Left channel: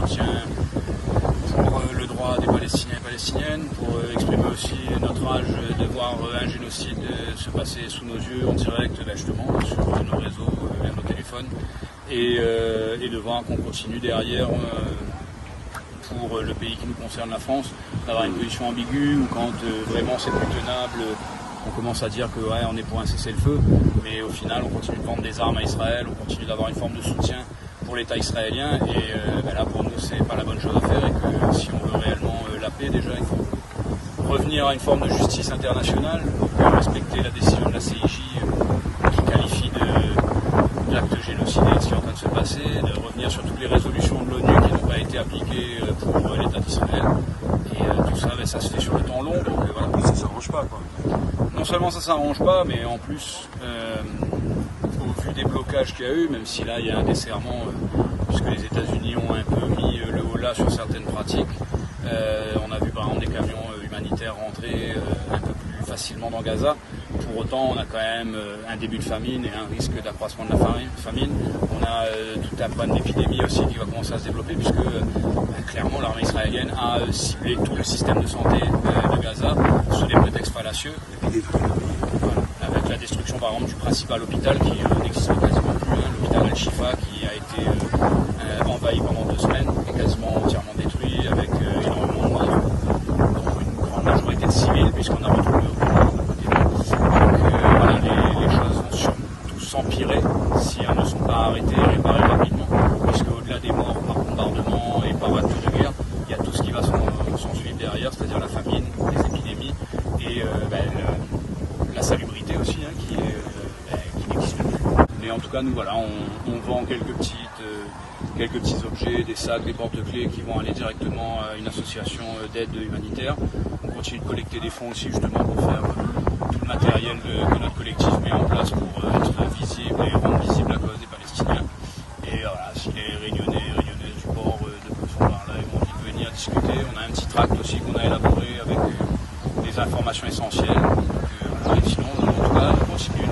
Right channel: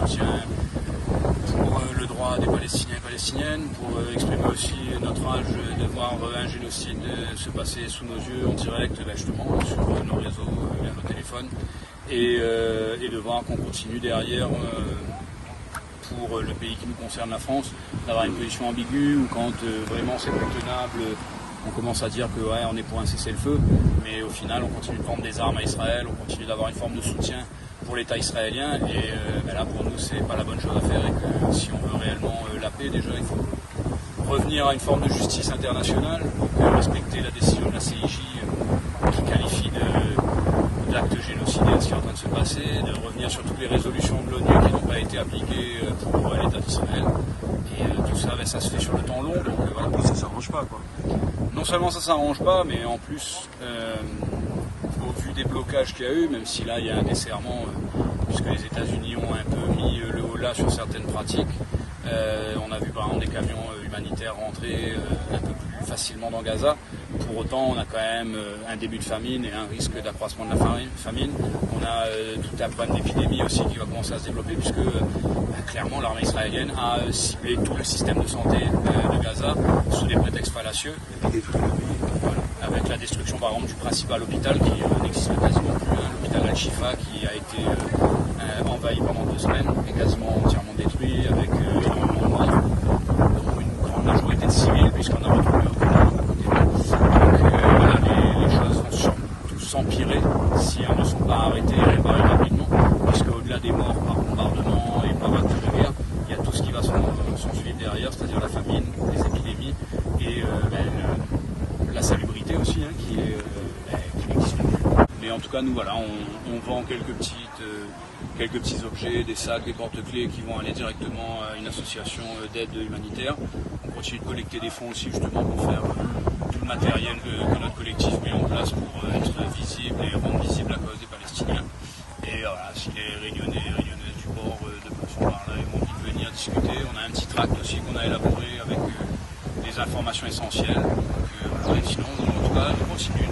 soutien pour le droit des Palestiniens et Palestiniennes, pour exprimer aussi notre rage de voir un génocide se passer sous nos yeux en direct, justement, sur nos réseaux, vers nos téléphones, et de voir qu'on continue derrière pour le pays qui nous concerne, la France, d'avoir une position ambiguë, ou quand vraiment c'est plus tenable, on commence à dire que ouais, on est pour un cessez-le-feu, mais au final on continue de vendre des armes à Israël, on continue d'avoir une forme de soutien pour l'État israélien, et là pour nous c'est pas la bonne chose à faire, et que si on veut réellement la paix, déjà il faut revenir à une forme de justice internationale, donc respecter la décision de la CIJ qui qualifie d'acte génocidaire ce qui est en train de se passer, de revenir sur toutes les résolutions de l'ONU qui n'ont pas été appliquées pour l'État d'Israël. Et tout ça, ça se fait sur le temps long, donc voilà. Ça ne s'arrange pas, quoi. Non seulement ça ne s'arrange pas, mais en plus, au vu des blocages qu'il y a eu, même si là il y a un desserrement, puisque les États-Unis ont un peu mis le haut là sur certaines pratiques, on a vu par exemple des camions humanitaires rentrer un peu plus facilement dans Gaza. Pour autant, on a quand même un début de famine et un risque d'accroissement de la famine. On a tout un problème d'épidémie aussi qui va commencer à se développer, puisque clairement l'armée israélienne a ciblé tout le système de santé de Gaza sous des prétextes fallacieux. Voilà. Avec la destruction par exemple du principal hôpital qui n'existe quasiment plus, l'hôpital Al-Shifa qui a été envahi pendant 2 semaines et quasiment entièrement détruit, avec énormément de morts, dont une grande majorité de civils, puisqu'on a retrouvé aucun mort à côté d'eux. Donc voilà, les choses vont surtout s'empirer si elles ne sont pas arrêtées et réparées rapidement, puisque au-delà des morts par bombardement et par acte de guerre, il y a tout ce qui va s'en suivre derrière, c'est-à-dire la famine, les épidémies et la salubrité aussi, qui n'existe plus. Mais en tout cas, nous voilà, on vend quelques petits objets, des sacs, des porte-clés qui vont aller directement à une association d'aide humanitaire. On continue de collecter des fonds aussi justement pour faire tout le matériel que notre collectif met en place pour être visible et rendre visible la cause des Palestiniens. Et voilà, si les Réunionnais et Réunionnaises du port de passant par là ont envie de venir discuter, on a un petit tract aussi qu'on a élaboré avec des informations essentielles. Donc, voilà, et sinon, en tout cas, on continue.